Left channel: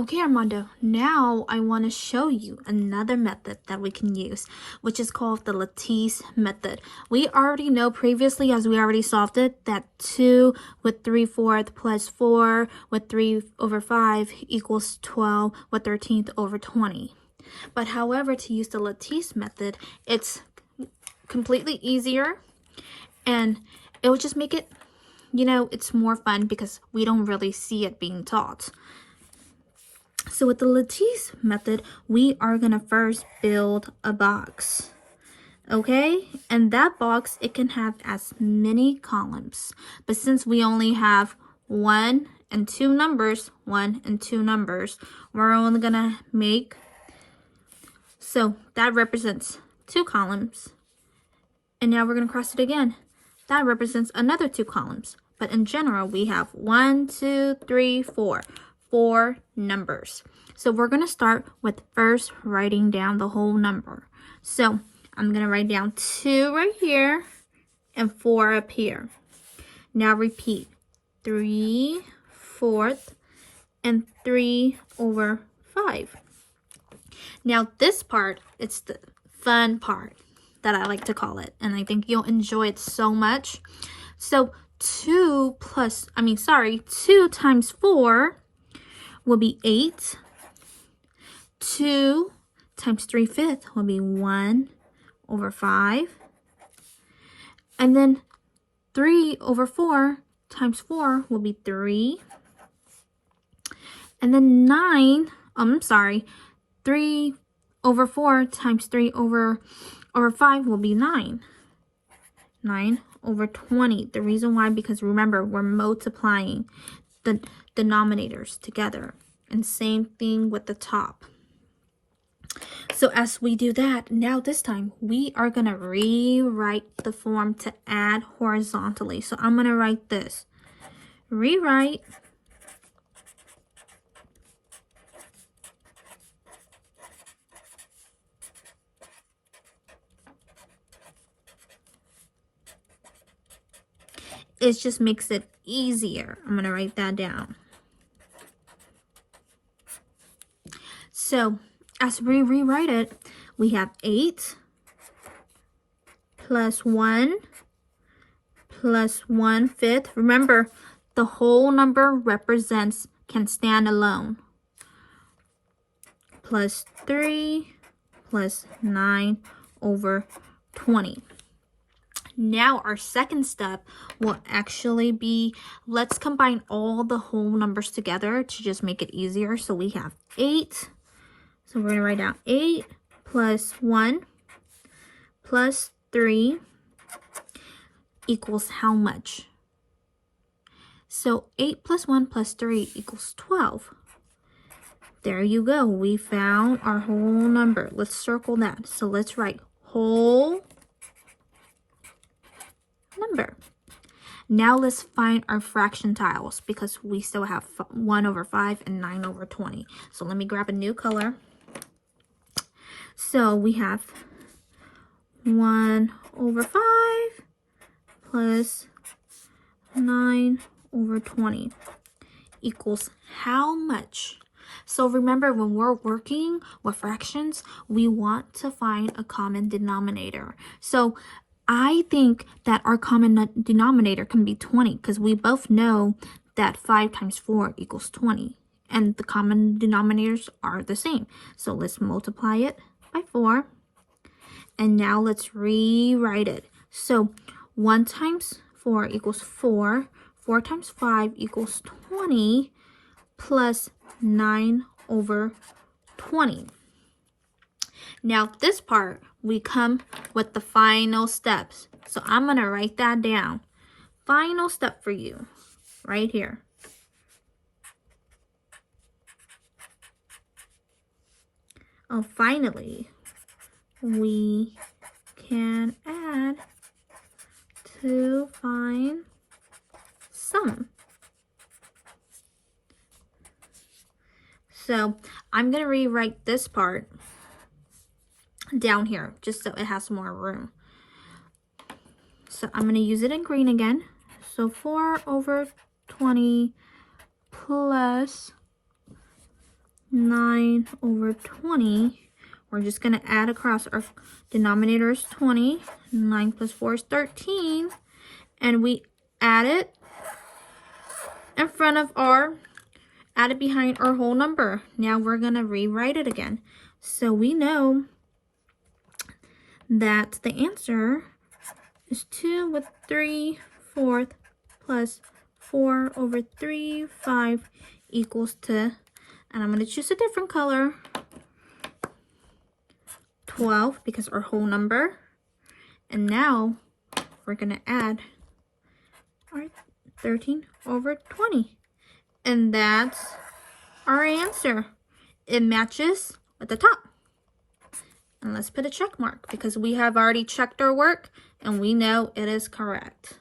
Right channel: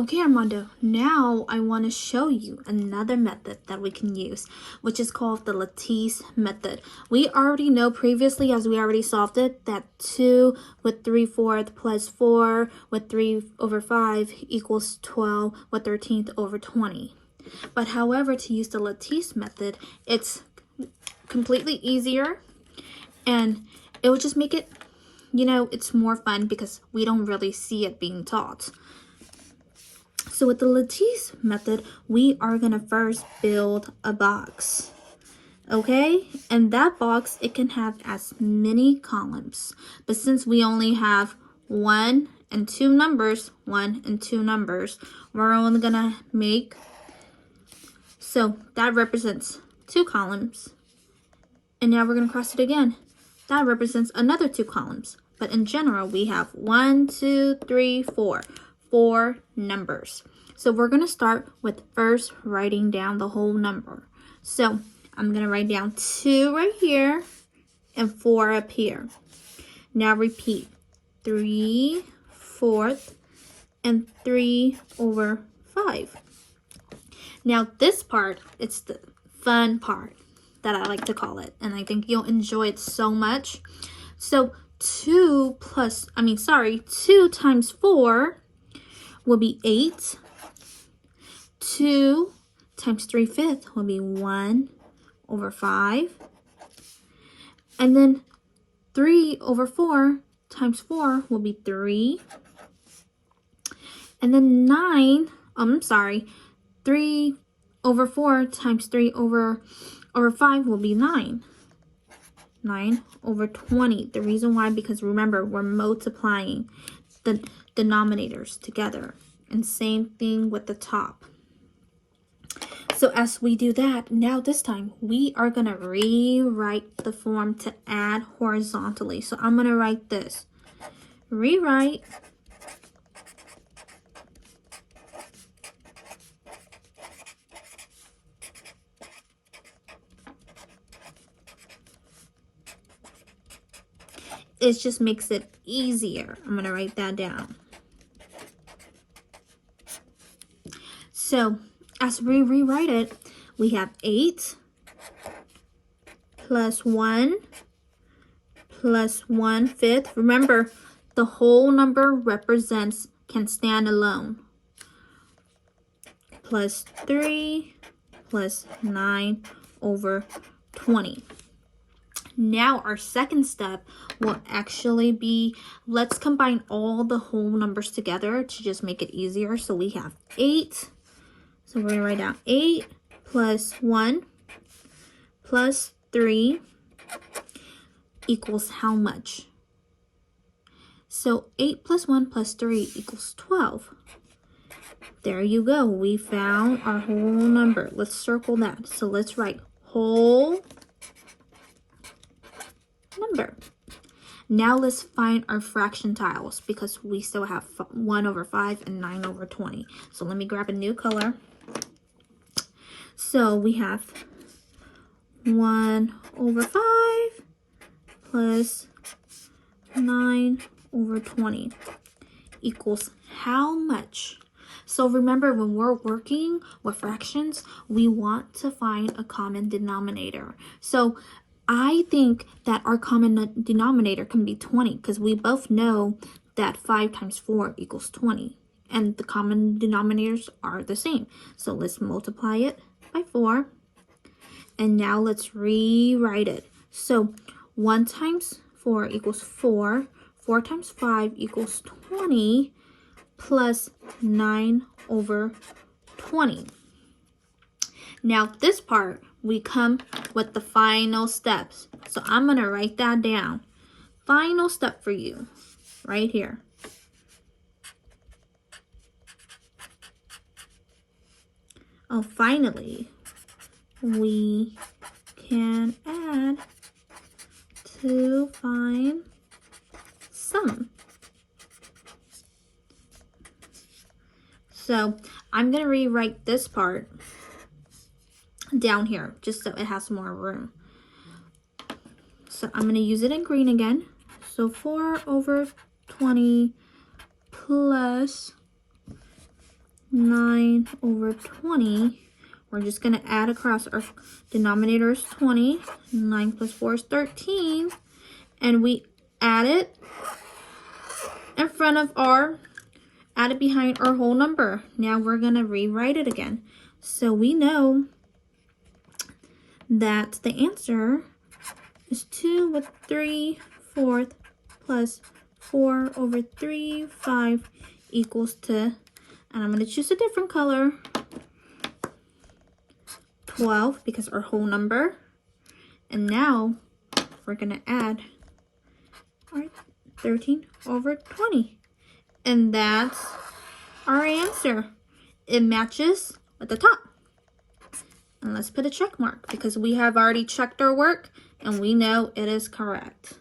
Okay, Armando, now I want to show you another method that we can use, which is called the Lattice method. We already know previously, as we already solved it, that 2 with 3/4 plus 4 with 3 over 5 equals 12 with 13th over 20. But however, to use the Lattice method, it's completely easier, and it will just make it, it's more fun because we don't really see it being taught. So with the Lattice method, we are going to first build a box. Okay, and that box, it can have as many columns. But since we only have 1 and 2 numbers, we're only going to make, so that represents 2 columns. And now we're going to cross it again. That represents another 2 columns. But in general, we have 1, 2, 3, 4. 4 numbers. So we're going to start with first writing down the whole number. So I'm going to write down 2 right here and 4 up here. Now repeat 3/4 and 3 over 5. Now this part, it's the fun part that I like to call it, and I think you'll enjoy it so much. So 2 times 4 will be 8. 2 times 3/5 will be 1 over 5. And then 3 over 4 times 4 will be 3. And then 3 over 4 times 3 over 5 will be 9. 9 over 20. The reason why, because remember, we're multiplying the denominators together, and same thing with the top. So as we do that, now this time we are going to rewrite the form to add horizontally. So I'm going to write this: rewrite it just makes it easier. I'm going to write that down. So as we rewrite it, we have 8 plus 1 plus 1/5. Remember, the whole number can stand alone. Plus 3 plus 9 over 20. Now our second step will actually be, let's combine all the whole numbers together to just make it easier. So we have 8. So we're going to write down 8 plus 1 plus 3 equals how much? So 8 plus 1 plus 3 equals 12. There you go. We found our whole number. Let's circle that. So let's write whole number. Now let's find our fraction tiles, because we still have 1 over 5 and 9 over 20. So let me grab a new color. So we have 1 over 5 plus 9 over 20 equals how much? So remember, when we're working with fractions, we want to find a common denominator. So I think that our common denominator can be 20, because we both know that 5 times 4 equals 20. And the common denominators are the same. So let's multiply it by 4. And now let's rewrite it. So 1 times 4 equals 4. 4 times 5 equals 20 plus 9 over 20. Now this part, we come with the final steps. So I'm going to write that down. Final step for you right here. Oh, finally, we can add to find sum. So I'm going to rewrite this part down here just so it has more room. So I'm going to use it in green again. So 4 over 20 plus 9 over 20. We're just going to add across. Our denominator is 20. 9 plus 4 is 13. And we add it in front of add it behind our whole number. Now we're going to rewrite it again. So we know that the answer is 2 with 3/4 plus 4 over 3/5 equals to, and I'm going to choose a different color, 12, because our whole number. And now we're going to add 13 over 20. And that's our answer. It matches at the top. And let's put a check mark because we have already checked our work and we know it is correct.